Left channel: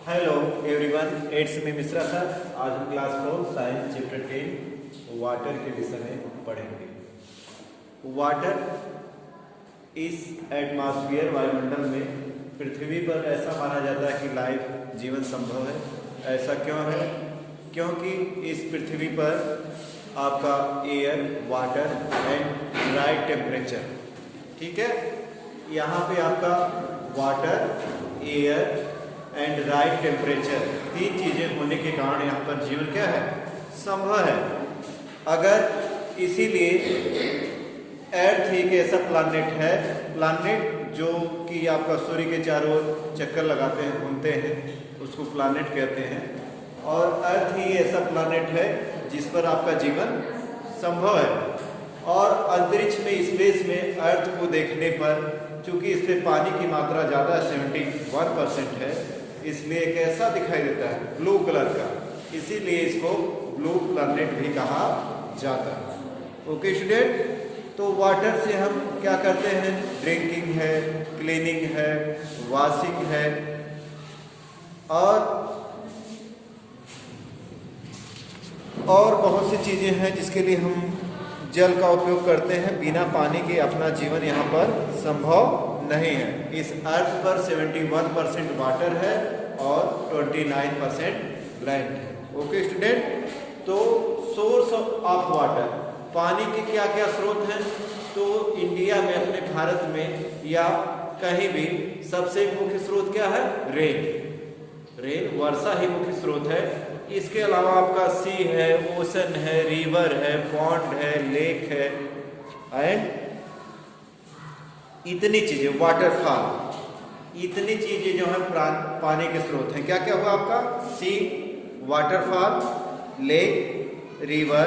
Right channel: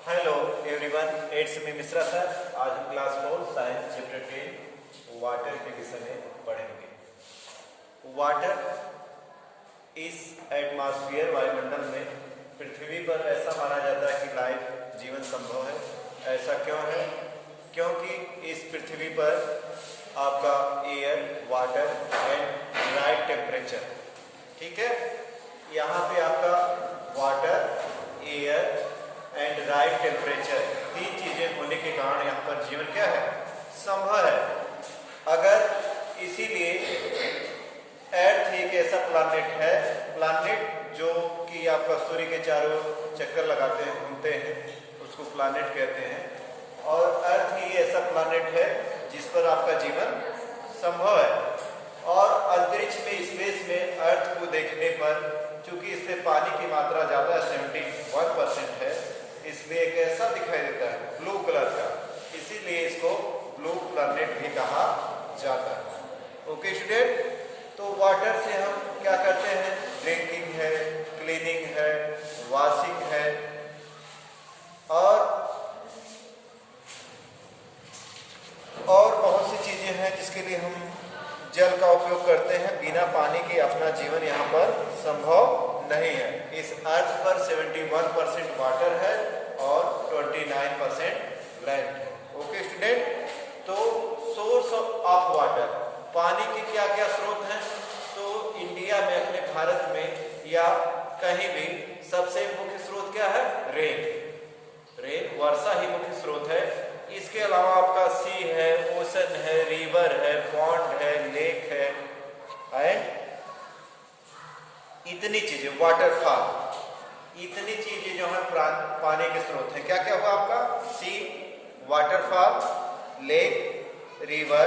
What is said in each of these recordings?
Hello everyone, it's me Mishra sir. आज हम class 4 science chapter 10 water के विषय में पढ़ेंगे। वाटर इस एटमॉस्फेयर वायुमंडल में पृथ्वी पर ऐसा माना जाता है कि लाइफ जीवन संभव है। ऐसा क्यों है? क्योंकि इस पृथ्वी पर आपका air, water and right temperature, ठीक है, यहाँ पे आपका water, air and right temperature, तीन चीजें होने के कारण यहाँ पर जीवन क्या है, संभव है। अगर इसीलिए अर्थ एक ऐसा प्लानेट है, प्लानेट जो कि आपका सूर्य के चारों ओर चक्कर लगाते हैं, घूमते हैं, उसको प्लानेट कहते हैं। और अर्थ ही ऐसा प्लानेट है जिस पर आपका जीवन संभव है। और अंतरिक्ष में, स्पेस में अर्थ को देखने पर, चूंकि इस पे पानी की मात्रा ज्यादा 71% है, इसलिए एक ऐसा दिखाई देता है ब्लू कलर का, इसीलिए इसको ब्लू प्लैनेट भी कहा जाता है। ओके स्टूडेंट, तो वाटर से हम क्या करते हैं? ड्रिंकिंग है, क्लीनिंग है, वॉशिंग है और बहुत सी चीजें हैं जिसके लिए हम जल का उपयोग करते हैं। बिना पानी के अपना जीवन यहाँ पर संभव नहीं है। इस अर्थ पर 71% वाटर है और 29% लैंड है। ओके स्टूडेंट, तो सोर्स ऑफ वाटर, पानी के क्या क्या स्रोत हैं? तो इंडिया में, अपने भारत में या कहीं भी सबसे मुख्य स्रोत क्या है? रेन, वर्षा ही मुख्य स्रोत है। इसके अलावा आपका सी है, ओशन है, रिवर है, पॉन्ड है, लेक है एंड इतनी चीजें, वाटरफॉल, इतनी चीजें जो है पानी के स्रोत हैं। क्या क्या हुआ आपका? Sea, waterfall, lake, river,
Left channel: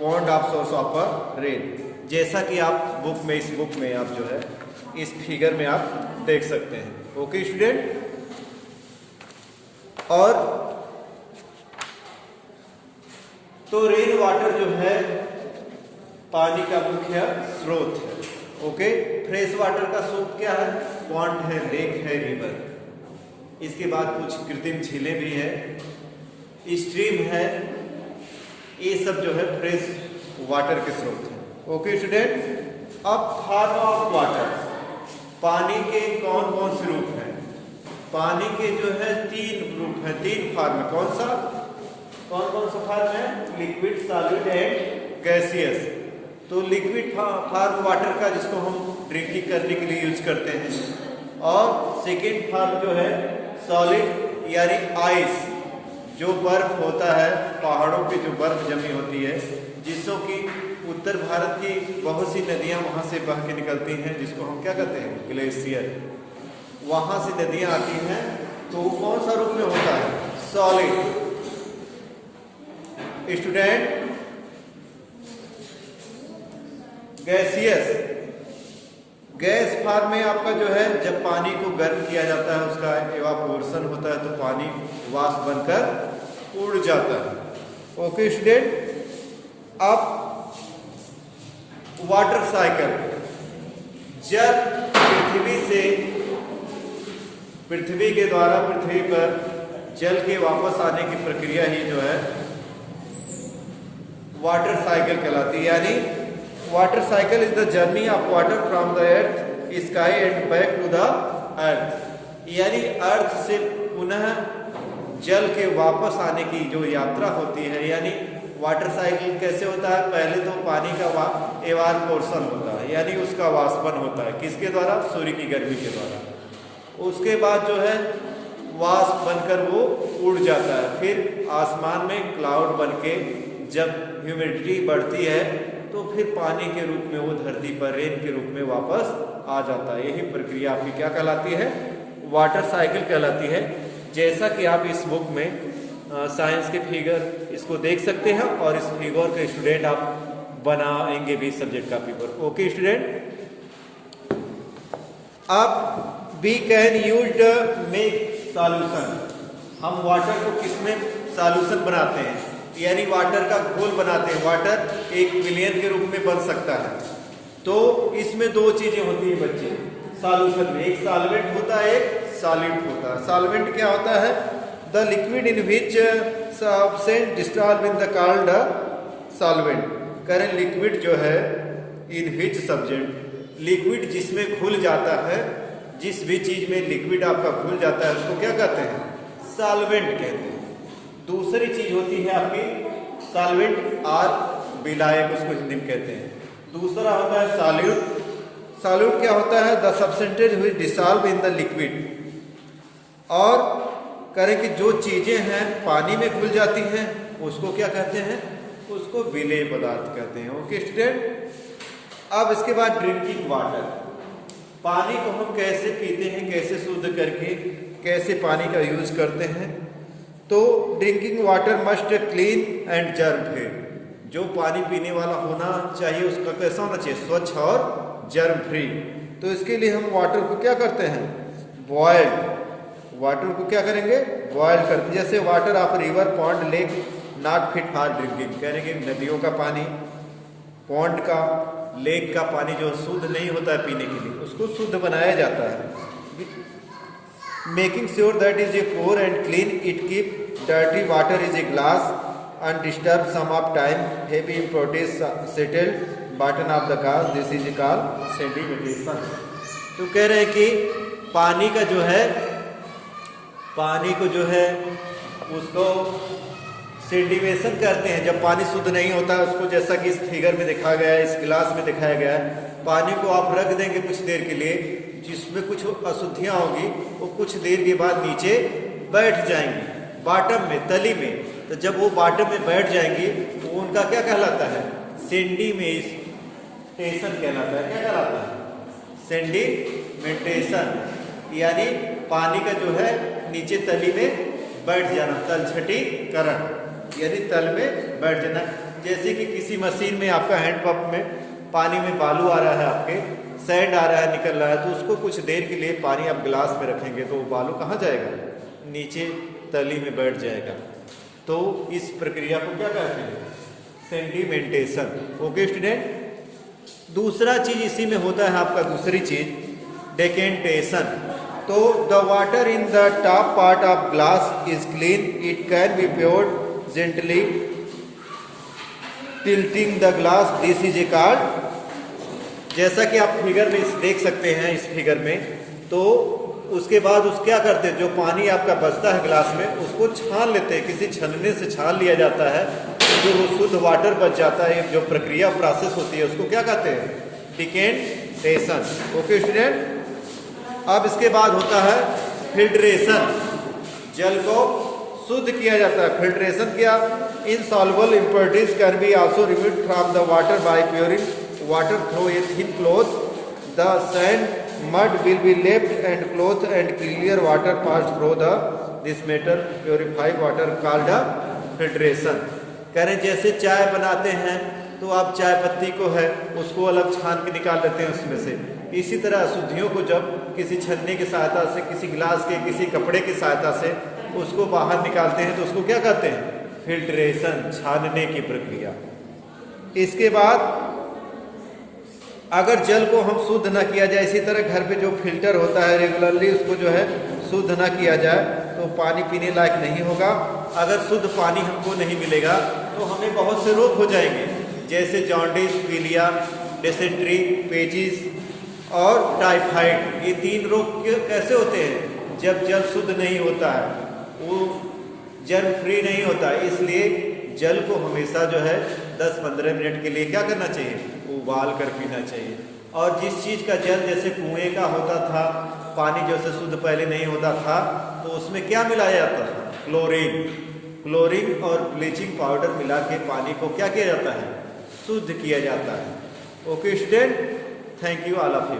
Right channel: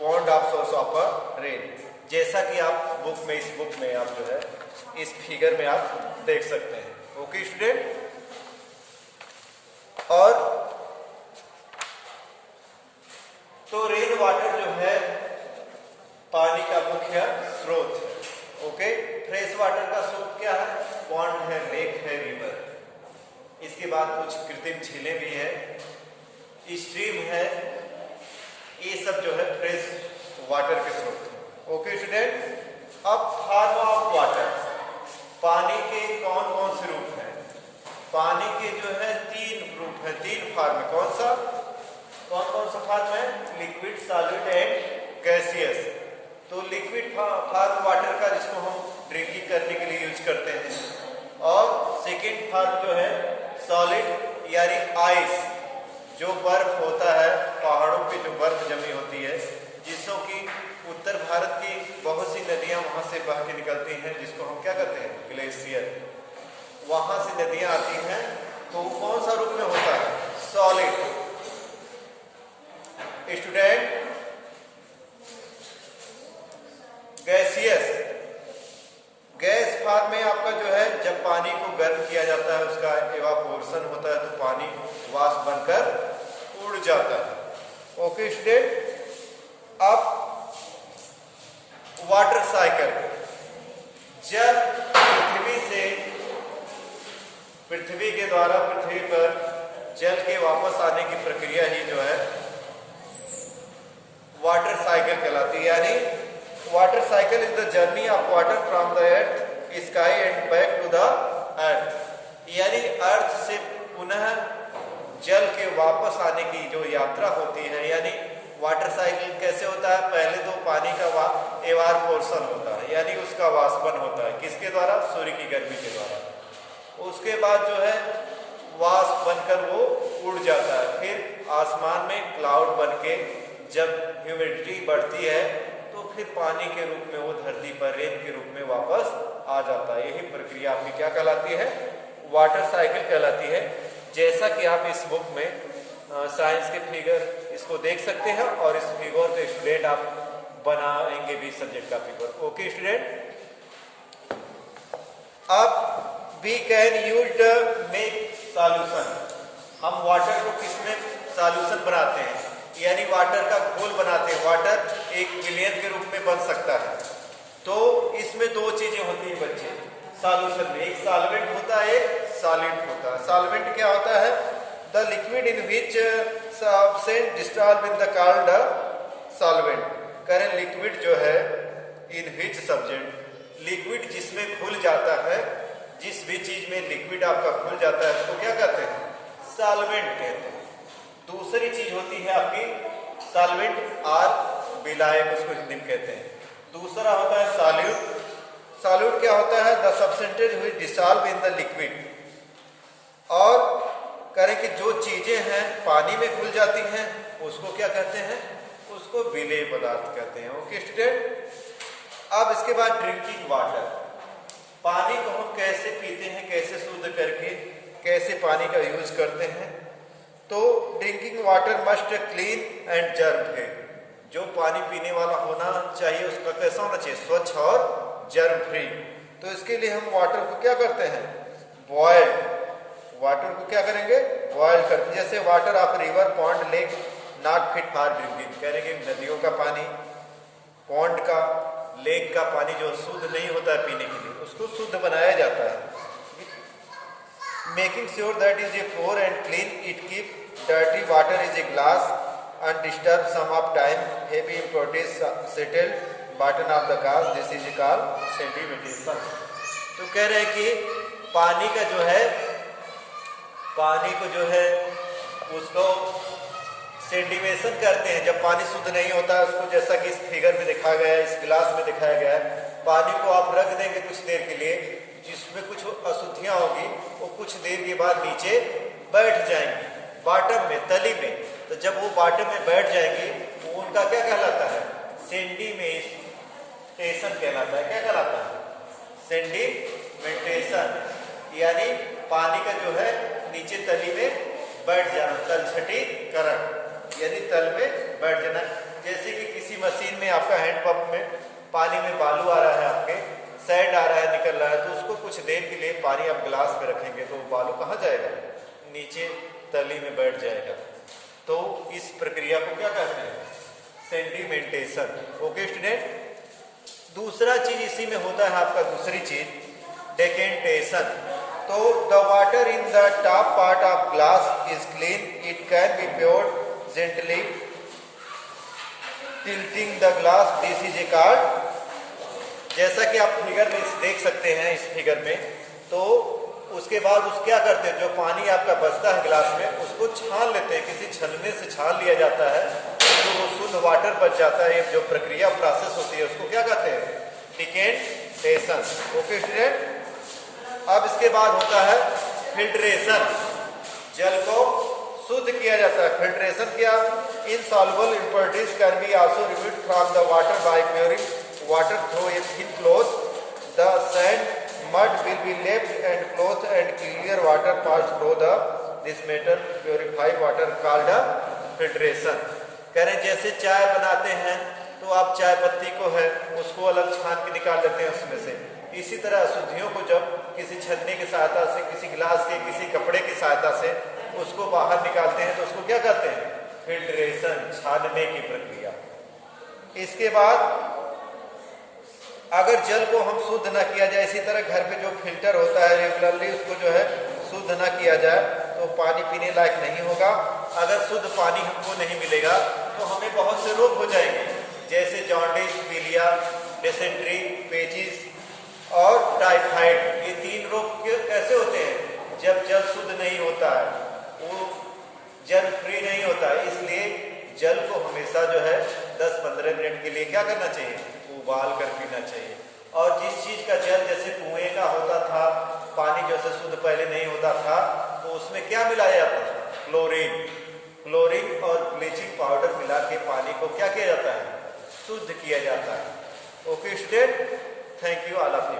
pond of source of rain. जैसा कि आप बुक में, इस बुक में आप जो है इस फिगर में आप देख सकते हैं। ओके स्टूडेंट, और तो रेन वाटर जो है पानी का मुख्य स्रोत है। ओके, फ्रेश वाटर का स्रोत क्या है? पॉन्ड है, लेक है, रिवर। इसके बाद कुछ कृत्रिम झीलें भी है, स्ट्रीम है। ये सब जो है फ्रेश वाटर के स्रोत है। ओके स्टूडेंट, अब फॉर्म ऑफ वाटर, पानी के कौन कौन से रूप हैं? पानी के जो है 3 रूप है, 3 फॉर्म है। कौन कौन सा फॉर्म है? Liquid, solid and gaseous. तो लिक्विड फॉर्म वाटर का, जिसको हम ड्रिंकिंग करने के लिए यूज करते हैं, और सेकेंड फॉर्म जो है सॉलिड यानी आइस, जो बर्फ होता है, पहाड़ों पे जो बर्फ जमी होती है, जिसको कि उत्तर भारत की बहुत सी नदियां वहां से बह के निकलती हैं, जिसको हम क्या कहते हैं? ग्लेशियर। वहां से नदियां आती हैं, तो कौन सा रूप में होता है? Solid. Student, gaseous, gas form में आपका जो है, जब पानी को गर्म किया जाता है, उसका इवापोरेशन होता है, तो पानी वाष्प बनकर उड़ जाता है। ओके स्टूडेंट, अब वाटर साइकिल, जब पृथ्वी के द्वारा पृथ्वी पर जल के वापस आने की प्रक्रिया ही जो है वाटर साइकिल कहलाती है। यानी water cycle is the journey of water from the earth, sky and back to the earth. यानी अर्थ से पुनः जल के वापस आने की जो यात्रा होती है, यानी वाटर साइकिल कैसे होता है? पहले तो पानी का एवापोरेशन होता है, यानी उसका वाष्पन होता है। किसके द्वारा? सूर्य की गर्मी के द्वारा। उसके बाद जो है वाष्प बनकर वो उड़ जाता है। फिर आसमान में क्लाउड बनके जब ह्यूमिडिटी बढ़ती है, तो फिर पानी के रूप में वो धरती पर रेन के रूप में वापस आ जाता है। यही प्रक्रिया आपकी क्या कहलाती है? वाटर साइकिल कहलाती है। जैसा कि आप इस बुक में साइंस के फिगर इसको देख सकते हैं, और इस फिगर के स्टूडेंट आप बनाएंगे भी सब्जेक्ट का फिगर। ओके स्टूडेंट, अब we can use the make solution. हम वाटर को किसमें सॉल्यूशन बनाते हैं? यानी वाटर का घोल बनाते हैं। वाटर एक विलयन के रूप में बन सकता है। तो इसमें 2 चीजें होती है बच्चे, सॉल्यूशन में। एक सॉल्वेंट होता है, एक सॉलिड होता है। सॉल्वेंट क्या होता है? The liquid in which substance dissolve in the called solvent. करें लिक्विड जो है इन विच सब्सटेंस, लिक्विड जिसमें घुल जाता है, जिस भी चीज में लिक्विड आपका घुल जाता है उसको क्या कहते हैं? सॉल्वेंट कहते हैं। दूसरी चीज होती है आपकी सॉल्वेंट और विलायक, उसको हिंदी में कहते हैं। दूसरा होता है सॉल्यूट। सॉल्यूट क्या होता है? The substance which dissolve in the liquid. और करें कि जो चीजें हैं पानी में घुल जाती हैं उसको क्या कहते हैं? उसको विलेय पदार्थ कहते हैं। ओके स्टूडेंट, अब इसके बाद ड्रिंकिंग वाटर। पानी को हम कैसे पीते हैं, कैसे शुद्ध करके कैसे पानी का यूज करते हैं? तो drinking water must clean and germ free. जो पानी पीने वाला होना चाहिए उसका कैसा होना चाहिए? स्वच्छ और जर्म फ्री। तो इसके लिए हम वाटर को क्या करते हैं? बॉयल। वाटर को क्या करेंगे? बॉयल करके। जैसे वाटर आप river, pond, lake not fit for drinking, करेंगे नदियों का पानी, पॉन्ड का, लेक का पानी जो शुद्ध नहीं होता है पीने के लिए, उसको शुद्ध बनाया जाता है। Making sure that is a pure and clean, it keep dirty water is a glass undisturb some of time, heavy impurities settled bottom of the glass, this is called sedimentation. तो कह रहे हैं कि पानी का जो है, पानी को जो है उसको सेडिमेशन करते हैं। जब पानी शुद्ध नहीं होता है उसको, जैसा कि इस फिगर में दिखाया गया है, इस गिलास में दिखाया गया है, पानी को आप रख देंगे कुछ देर के लिए, जिसमें कुछ अशुद्धियां होगी वो कुछ देर के बाद नीचे बैठ जाएंगी बॉटम में, तली में। तो जब वो बॉटम में बैठ जाएंगी वो उनका क्या कहलाता है? सेडिमेंटेशन कहलाता है। क्या कहलाता है? सेडिमेंटेशन, यानी पानी का जो है नीचे तली में बैठ जाना, तलछटीकरण, यानी तल में बैठ जाना। जैसे कि किसी मशीन में आपका हैंडपंप में पानी में बालू आ रहा है, आपके सैंड आ रहा है, निकल रहा है, तो उसको कुछ देर के लिए पानी आप गिलास में रखेंगे तो वो बालू कहाँ जाएगा? नीचे तली में बैठ जाएगा। तो इस प्रक्रिया को क्या कहते हैं? सेडिमेंटेशन। ओके स्टूडेंट, दूसरा चीज इसी में होता है आपका, दूसरी चीज डेकेंटेशन। तो the water in the top part of glass is clean, it can be poured gently tilting the glass, this is a called. जैसा कि आप फिगर में देख सकते हैं, इस फिगर में, तो उसके बाद उस क्या करते हैं, जो पानी आपका बचता है गिलास में उसको छान लेते हैं, किसी छन्ने से छान लिया जाता है, जो वो शुद्ध वाटर बच जाता है। जो प्रक्रिया प्रोसेस होती है उसको क्या कहते हैं? डिकेंटेशन। ओके स्टूडेंट, अब इसके बाद होता है फिल्ट्रेशन। जल को शुद्ध किया जाता है। फिल्ट्रेशन क्या? Insoluble impurities can be also removed from the water by pouring water through a thin cloth, the sand mud will be left and cloth and clear water pass through the this metal purified water called filtration। कह रहे जैसे चाय बनाते हैं तो आप चाय पत्ती को है उसको अलग छान के निकाल देते हैं उसमें से, इसी तरह अशुद्धियों को जब किसी छन्ने की सहायता से, किसी गिलास के, किसी कपड़े की सहायता से उसको बाहर निकालते हैं तो उसको क्या कहते हैं? फिल्ट्रेशन, छानने की प्रक्रिया। इसके बाद अगर जल को हम शुद्ध न किया जाए, इसी तरह घर पे जो फिल्टर होता है रेगुलरली उसको जो है शुद्ध न किया जाए तो पानी पीने लायक नहीं होगा। अगर शुद्ध पानी हमको नहीं मिलेगा तो हमें बहुत से रोग हो जाएंगे, जैसे जॉन्डिस, पीलिया, डिसेंट्री, पेचिस और टाइफाइड। ये 3 रोग कैसे होते हैं? जब जल शुद्ध नहीं होता है, वो जर्म फ्री नहीं होता है। इसलिए जल को हमेशा जो है 10-15 मिनट के लिए क्या करना चाहिए? उबाल कर पीना चाहिए। और जिस चीज का जल, जैसे कुएं का होता था पानी, जैसे शुद्ध पहले नहीं होता था, तो उसमें क्या मिलाया जाता था? क्लोरीन। क्लोरीन और ब्लीचिंग पाउडर मिला के पानी को क्या किया जाता है? शुद्ध किया जाता है। Okay student, thank you all of you.